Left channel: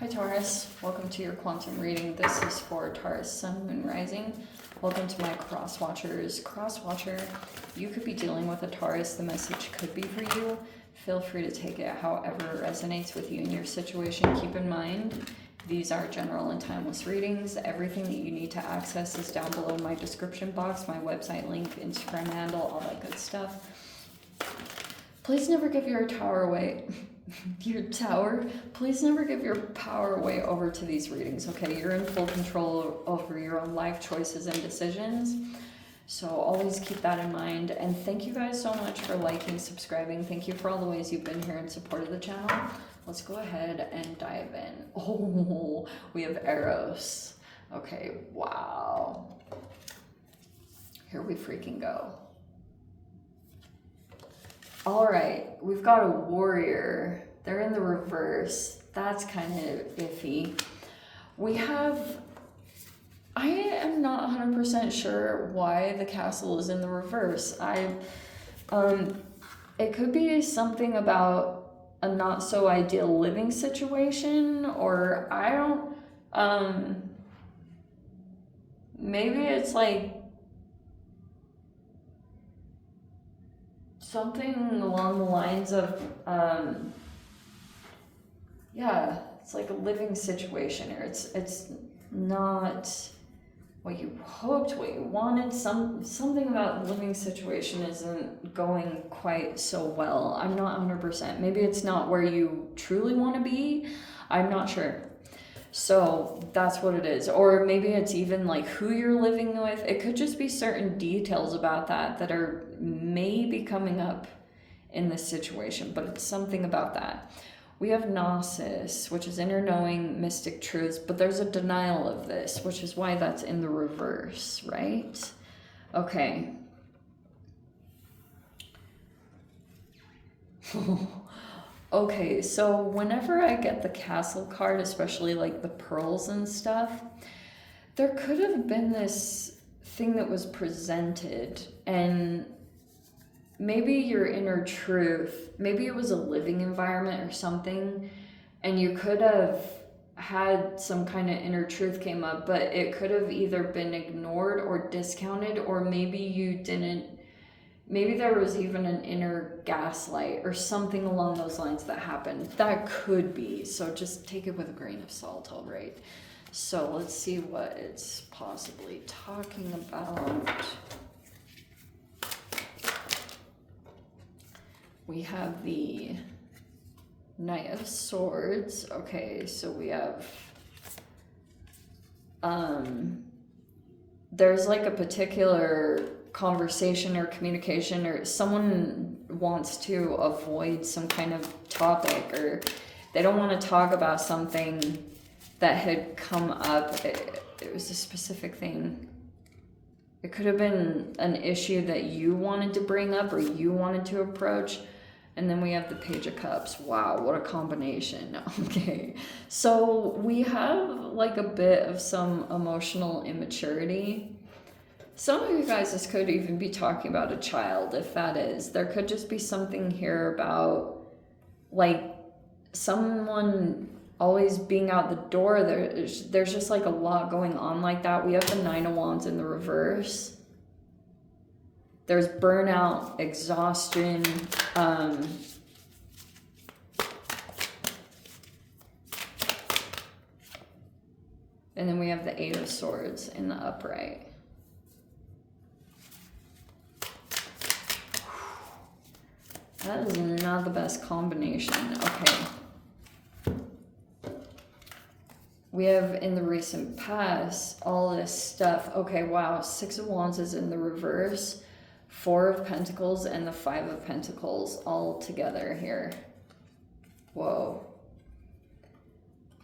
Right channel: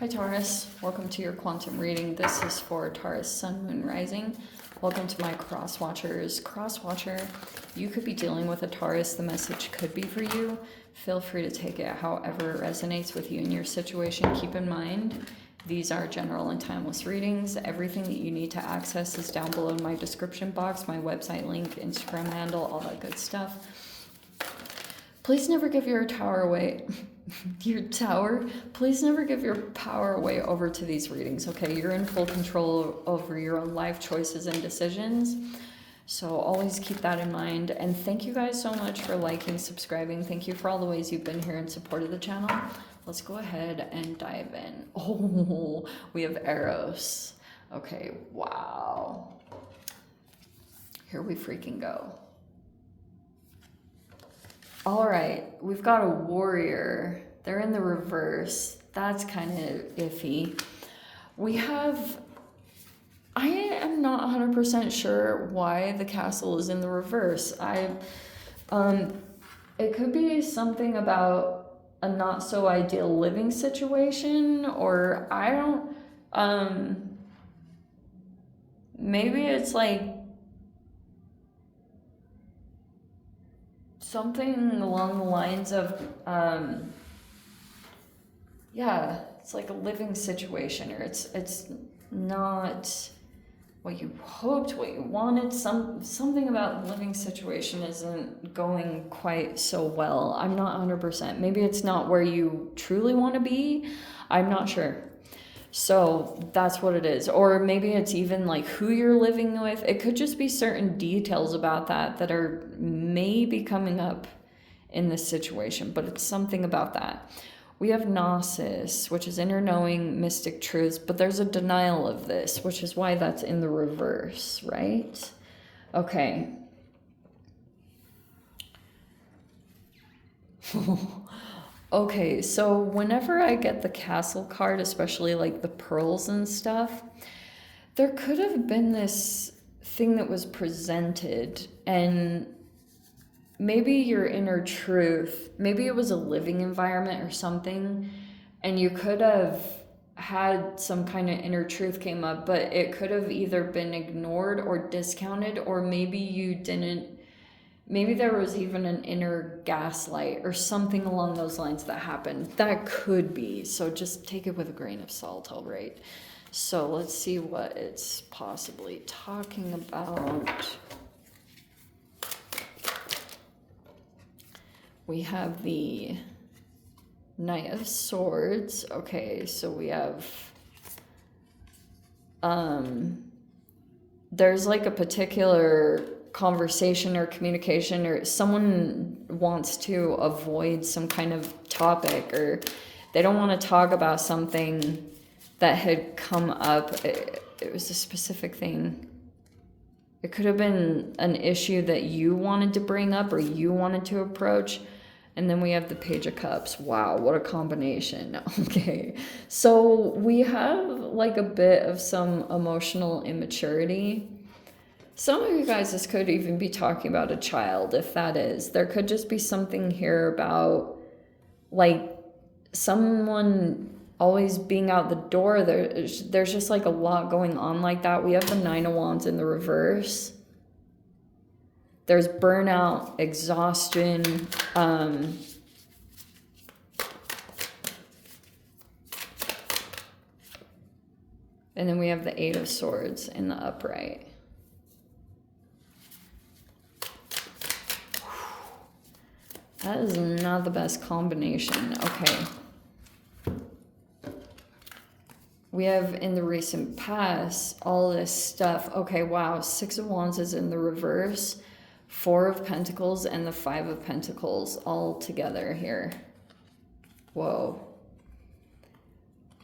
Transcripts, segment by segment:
Hi Taurus, welcome to your quantum reading. This is for Taurus, Sun, Moon, Rising. Welcome to my cross watchers. Cross watcher, you could be dealing with a Taurus. The message could be for you. Feel free to take it however it resonates with you and your situation. Keep in mind, these are general and timeless readings. Everything that you need to access is down below in my description box, my website link, Instagram handle, all that good stuff. Please never give your tower away. Please never give your power away over to these readings, okay? You're in full control over your own life choices and decisions. So always keep that in mind. And thank you guys so much for liking, subscribing. Thank you for all the ways you've been here in support of the channel. Let's go ahead and dive in. Oh, we have Eros. Okay, wow. Here we freaking go. All right, we've got a warrior. They're in the reverse. That's kind of iffy. We have, I am not 100% sure why the castle is in the reverse. It could be something about a not so ideal living situation, or I don't, maybe it's like something along the lines of, yeah, it's like a living situation, or it's not what you hoped, what you wanted. Something about the living situation isn't going quite so well. I'm not 100%. Maybe it's not where you truly want to be. I'm not sure. So that's what it is. Or maybe it's even like who you're living with. It could just be certain details about that are maybe coming up in this situation, but it's something about that. We have Gnosis, which is inner knowing, mystic truths, but there's a denial of this, which is why that's in the reverse, right? Okay. Okay, so whenever I get the castle card, especially like the pearls and stuff, there could have been this thing that was presented, and maybe your inner truth, maybe it was a living environment or something, and you could have had some kind of inner truth came up, but it could have either been ignored or discounted, or maybe you didn't. Maybe there was even an inner gaslight or something along those lines that happened. That could be. So just take it with a grain of salt, all right? So let's see what it's possibly talking about. We have the Knight of Swords. Okay, so we have... there's like a particular conversation or communication, or someone wants to avoid some kind of topic, or they don't want to talk about something that had come up. It was a specific thing. It could have been an issue that you wanted to bring up or you wanted to approach. And then we have the Page of Cups. Wow, what a combination. Okay, so we have like a bit of some emotional immaturity. Some of you guys, this could even be talking about a child, if that is. There could just be something here about, like, someone always being out the door. There's just, like, a lot going on like that. We have the Nine of Wands in the reverse. There's burnout, exhaustion, and then we have the Eight of Swords in the upright. That is not the best combination. Okay. We have in the recent past all this stuff. Okay, wow. Six of Wands is in the reverse. Four of Pentacles and the Five of Pentacles all together here. Whoa.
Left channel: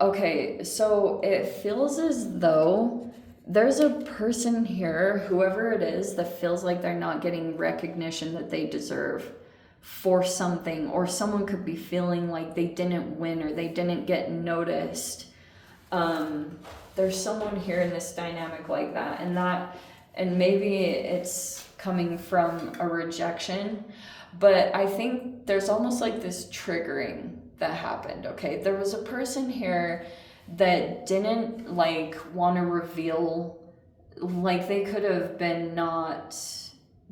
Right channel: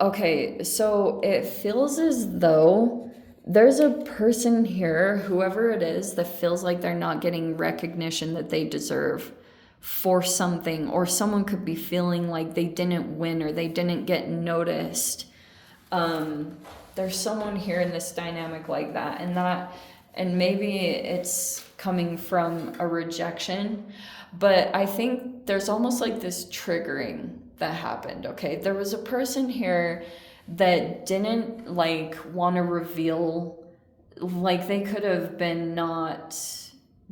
Okay, so it feels as though there's a person here, whoever it is, that feels like they're not getting recognition that they deserve for something, or someone could be feeling like they didn't win or they didn't get noticed. There's someone here in this dynamic like that, and maybe it's coming from a rejection, but I think there's almost like this triggering that happened, okay? There was a person here that didn't like want to reveal, like they could have been not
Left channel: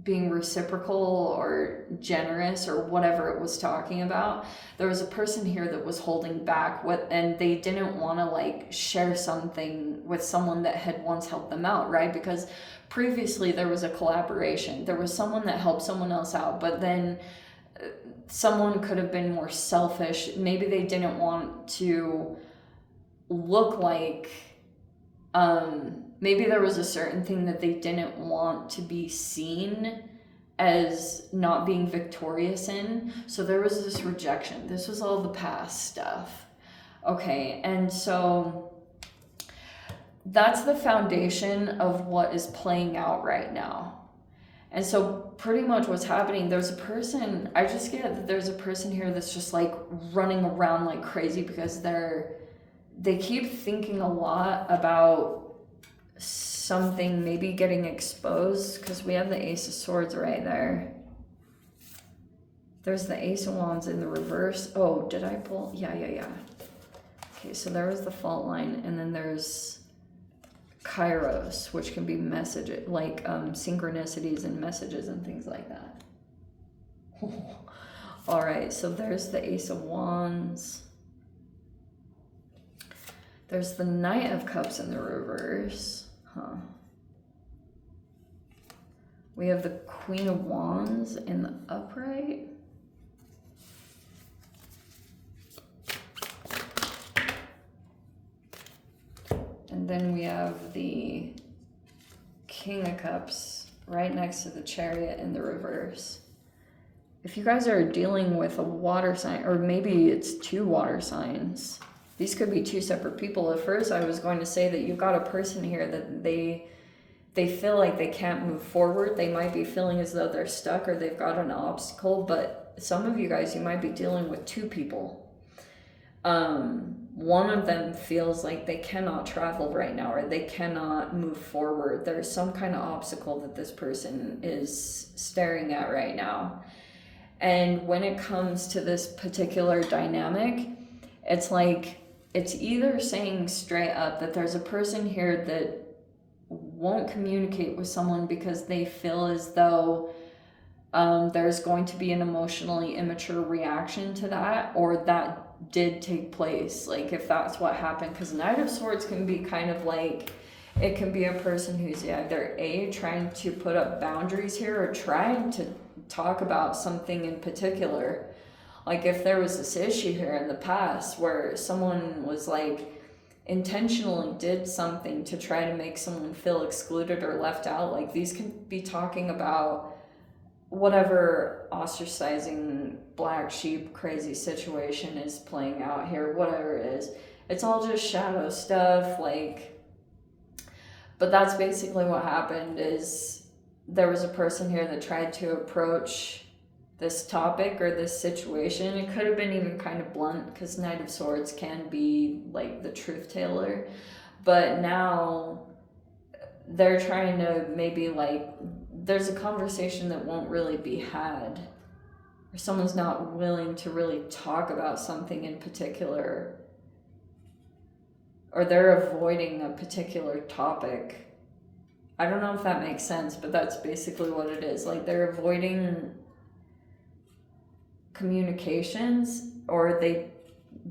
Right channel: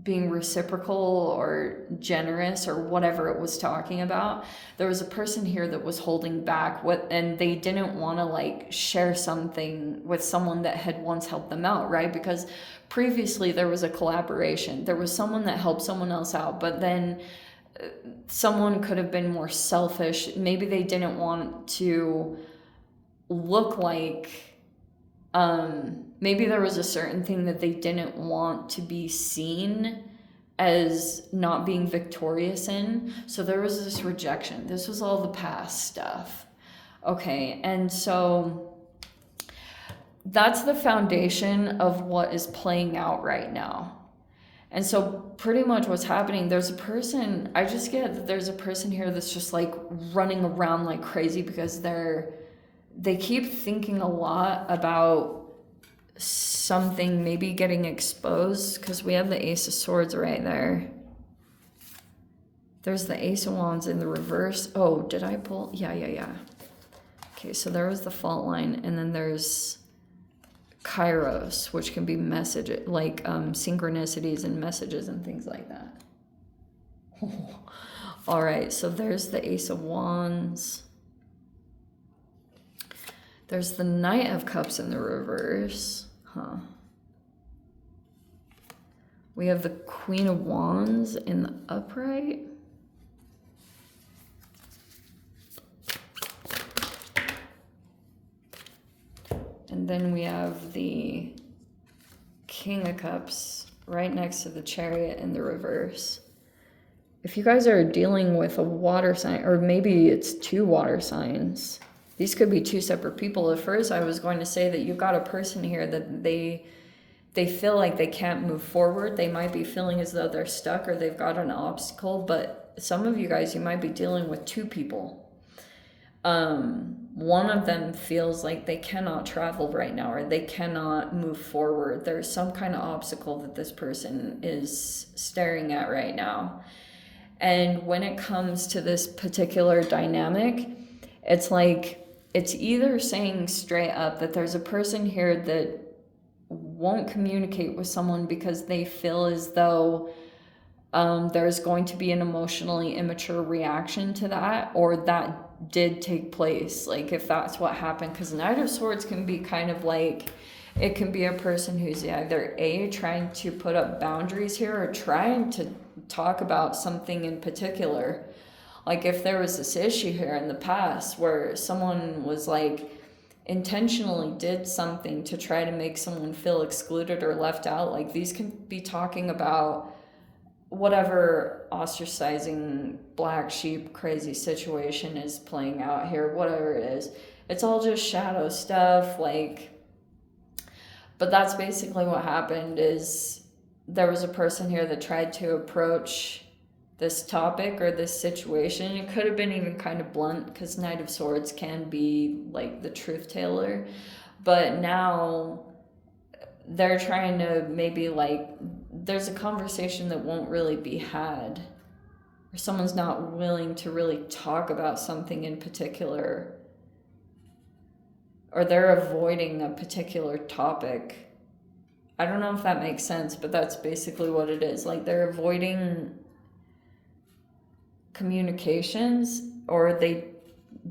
being reciprocal or generous or whatever it was talking about. There was a person here that was holding back and they didn't want to like share something with someone that had once helped them out, right? Because previously there was a collaboration. There was someone that helped someone else out, but then someone could have been more selfish. Maybe they didn't want to look like, maybe there was a certain thing that they didn't want to be seen as not being victorious in. So there was this rejection. This was all the past stuff. Okay, and so that's the foundation of what is playing out right now. And so pretty much what's happening, there's a person, I just get that there's a person here that's just like running around like crazy because they keep thinking a lot about something maybe getting exposed, because we have the Ace of Swords right there. There's the Ace of Wands in the reverse. Oh, did I pull? Yeah. Okay, so there was the fault line, and then there's Kairos, which can be message, like synchronicities and messages and things like that. All right, so there's the Ace of Wands. There's the Knight of Cups in the reverse. We have the Queen of Wands in the upright. And then we have the King of Cups right next to the Chariot in the reverse. If you guys are dealing with a water sign, or maybe it's two water signs, these could be two separate people. At first, I was going to say that you've got a person here that they feel like they can't move forward. They might be feeling as though they're stuck or they've got an obstacle, but some of you guys, you might be dealing with two people. One of them feels like they cannot travel right now or they cannot move forward. There's some kind of obstacle that this person is staring at right now. And when it comes to this particular dynamic, it's like, it's either saying straight up that there's a person here that won't communicate with someone because they feel as though there's going to be an emotionally immature reaction to that, or that did take place, like if that's what happened. Because Knight of Swords can be kind of like, it can be a person who's either trying to put up boundaries here or trying to talk about something in particular. Like if there was this issue here in the past where someone was like intentionally did something to try to make someone feel excluded or left out, like these can be talking about whatever ostracizing black sheep crazy situation is playing out here, whatever it is. It's all just shadow stuff, like, but that's basically what happened. Is there was a person here that tried to approach this topic or this situation. It could have been even kind of blunt, because Knight of Swords can be like the truth teller, but now they're trying to maybe like, there's a conversation that won't really be had, or someone's not willing to really talk about something in particular, or they're avoiding a particular topic. I don't know if that makes sense, but that's basically what it is. Like they're avoiding communications, or they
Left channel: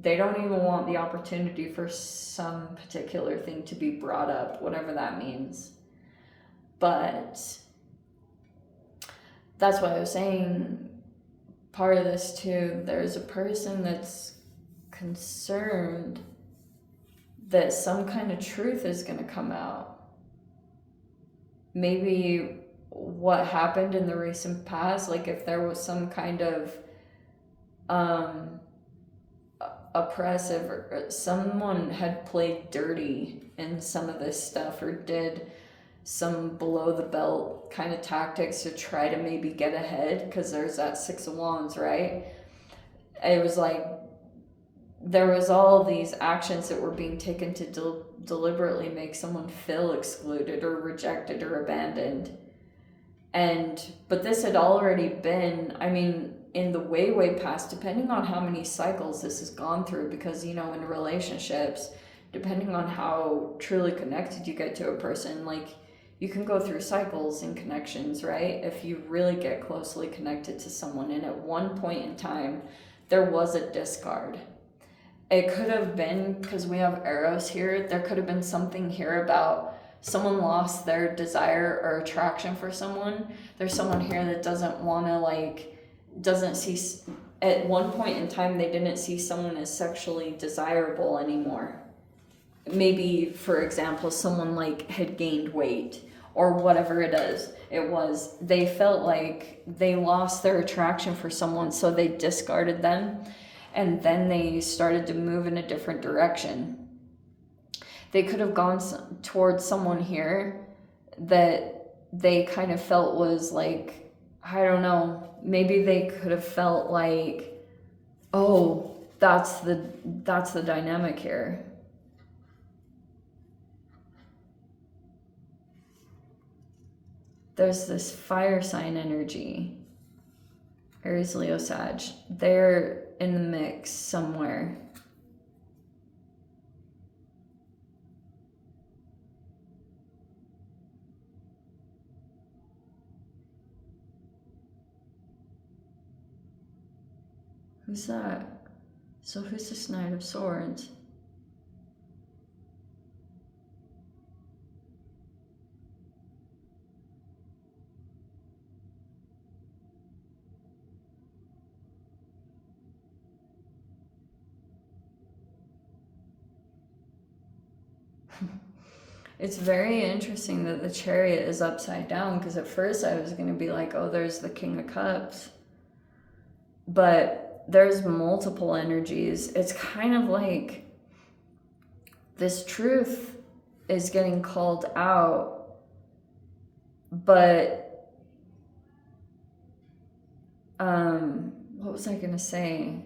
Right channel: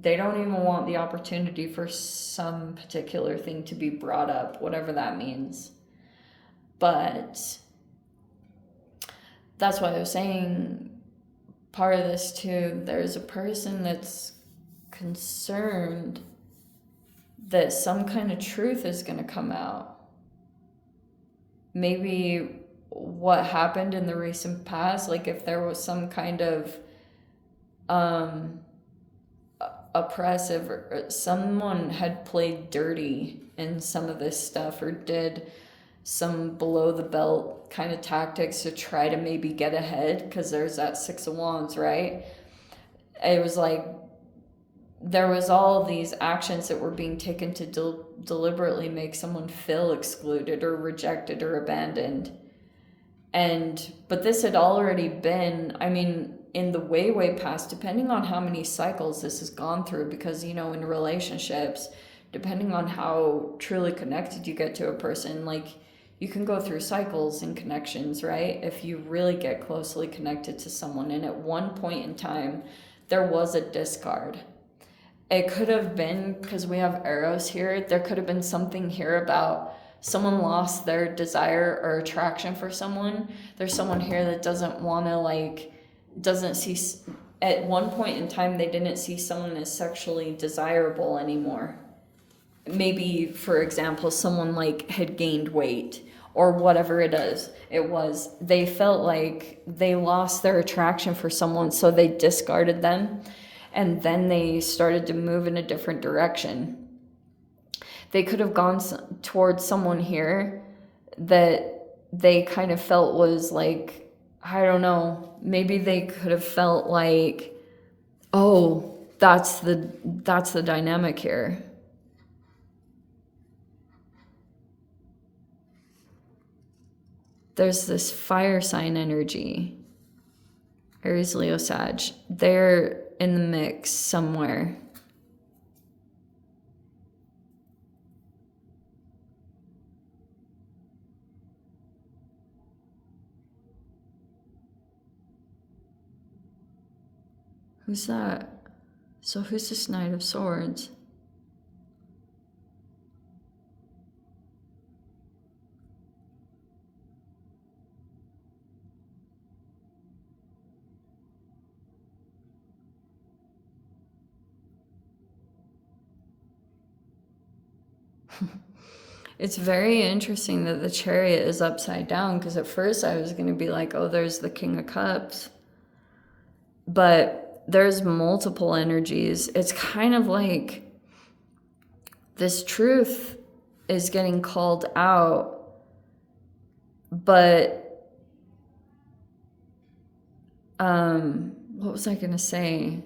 don't even want the opportunity for some particular thing to be brought up, whatever that means. But that's why I was saying part of this too, there's a person that's concerned that some kind of truth is going to come out. Maybe what happened in the recent past, like if there was some kind of oppressive, or someone had played dirty in some of this stuff, or did some below the belt kind of tactics to try to maybe get ahead, because there's that Six of Wands, right? It was like there was all these actions that were being taken to deliberately make someone feel excluded or rejected or abandoned. But this had already been, I mean, in the way past, depending on how many cycles this has gone through, because, you know, in relationships, depending on how truly connected you get to a person, like, you can go through cycles in connections, right? If you really get closely connected to someone, and at one point in time, there was a discard. It could have been, because we have arrows here, there could have been something here about someone lost their desire or attraction for someone. There's someone here that doesn't want to, like, doesn't see, at one point in time, they didn't see someone as sexually desirable anymore. Maybe, for example, someone, like, had gained weight or whatever it is. It was, they felt like they lost their attraction for someone, so they discarded them, and then they started to move in a different direction. They could have gone towards someone here that they kind of felt was like, I don't know, maybe they could have felt like, oh, that's the dynamic here. There's this fire sign energy, Aries, Leo, Sag. They're in the mix somewhere. Who's that? So who's this Knight of Swords? It's very interesting that the Chariot is upside down, because at first I was going to be like, oh, there's the King of Cups. But there's multiple energies. It's kind of like this truth is getting called out, but what was I going to say?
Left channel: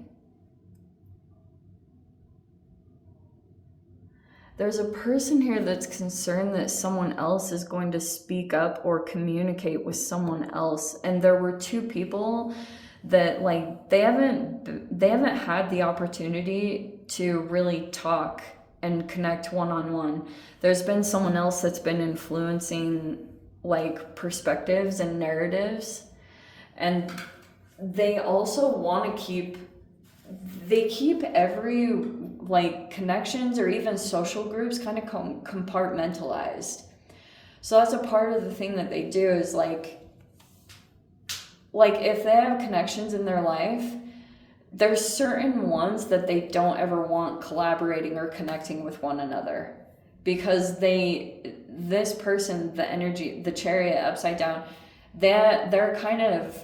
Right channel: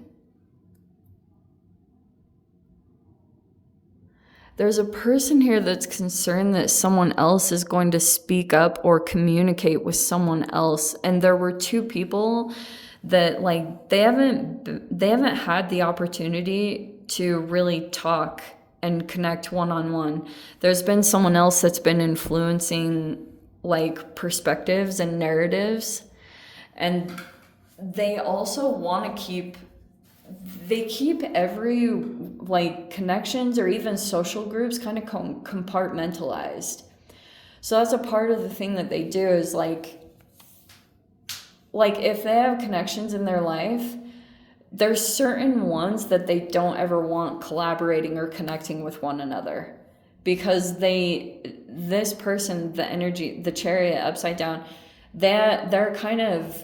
There's a person here that's concerned that someone else is going to speak up or communicate with someone else. And there were two people that, like, they haven't had the opportunity to really talk and connect one-on-one. There's been someone else that's been influencing, like, perspectives and narratives. And they also want to keep every, like, connections or even social groups kind of compartmentalized. So that's a part of the thing that they do is like if they have connections in their life, there's certain ones that they don't ever want collaborating or connecting with one another, because this person, the energy, the Chariot upside down, they're kind of,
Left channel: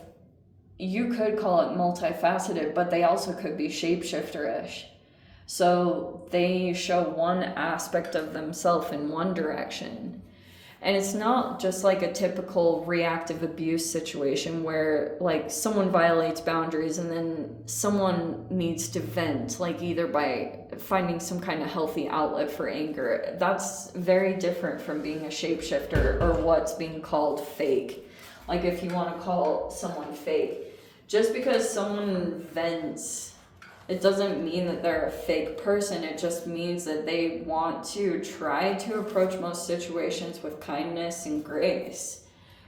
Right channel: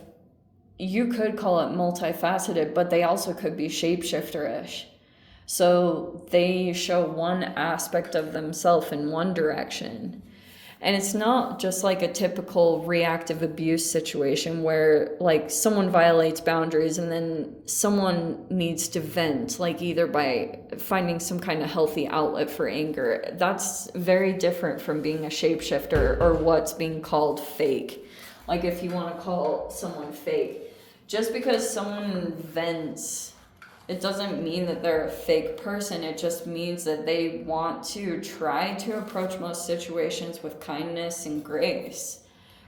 you could call it multifaceted, but they also could be shapeshifter-ish. So they show one aspect of themselves in one direction. And it's not just like a typical reactive abuse situation where, like, someone violates boundaries and then someone needs to vent, like, either by finding some kind of healthy outlet for anger. That's very different from being a shapeshifter or what's being called fake. Like, if you want to call someone fake, just because someone vents, it doesn't mean that they're a fake person. It just means that they want to try to approach most situations with kindness and grace.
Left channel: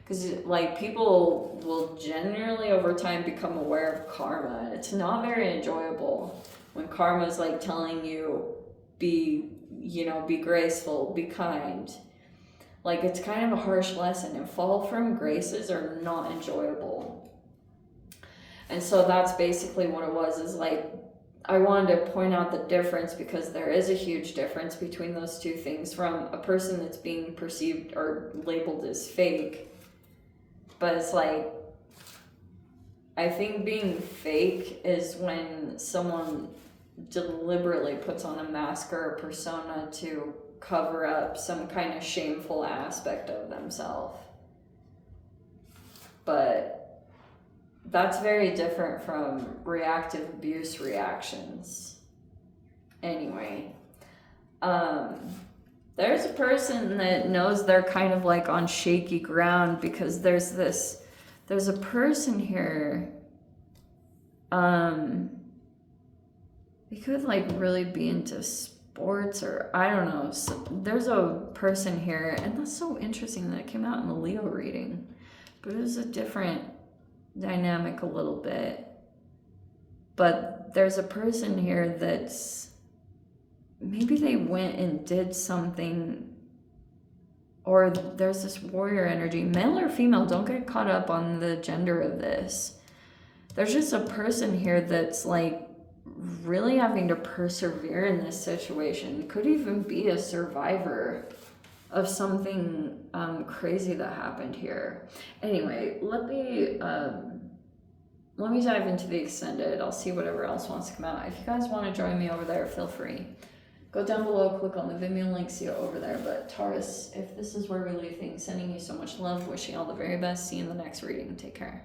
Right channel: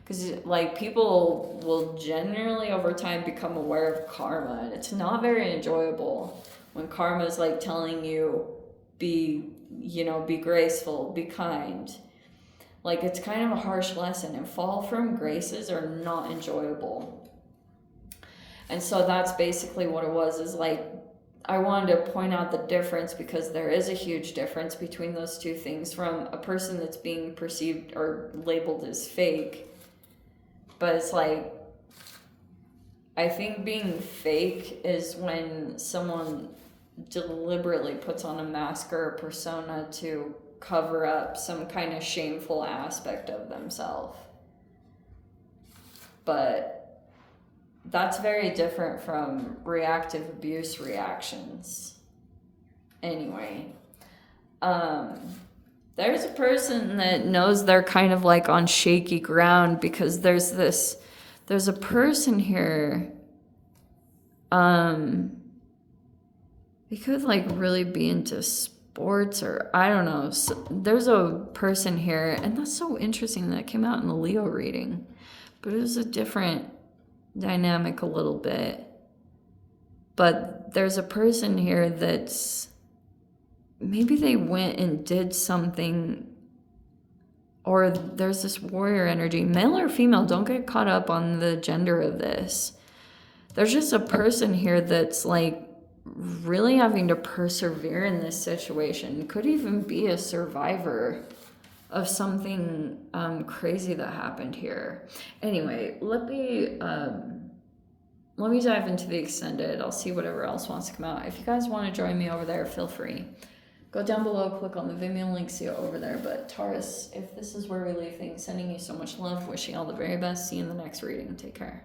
Because, like, people will generally over time become aware of karma, and it's not very enjoyable when karma is, like, telling you, be graceful, be kind. Like, it's kind of a harsh lesson, and fall from graces are not enjoyable. And so that's basically what it was, is like, I wanted to point out the difference, because there is a huge difference between those two things, from a person that's being perceived or labeled as fake. But it's like, I think being fake is when someone deliberately puts on a mask or a persona to cover up some kind of shameful aspect of themselves. But that's very different from reactive abuse reactions. Anyway, there's a person that knows they're kind of like on shaky ground, because there's a person here They could like really be into sports, or I don't know. So there's a person here, and that's so interesting that came out in the Leo reading, but it was a different dynamic a little bit. But there's a person here that's maybe they went and did something, or there's this warrior energy, male or female, don't get caught up on the gender of this. There's just a person here that's like really having to persevere in this situation. Could even be a survivor of something crazy that happened here. Anyway, let me dive into the extended. I'll see whatever else wants to come out. If you guys want to join me over there, feel free. Go down below, click on the Venmo link, see it over there. But Taurus, if this is where we leave things, sending you so much love, wishing you all the very best. See you in the next reading. Take care.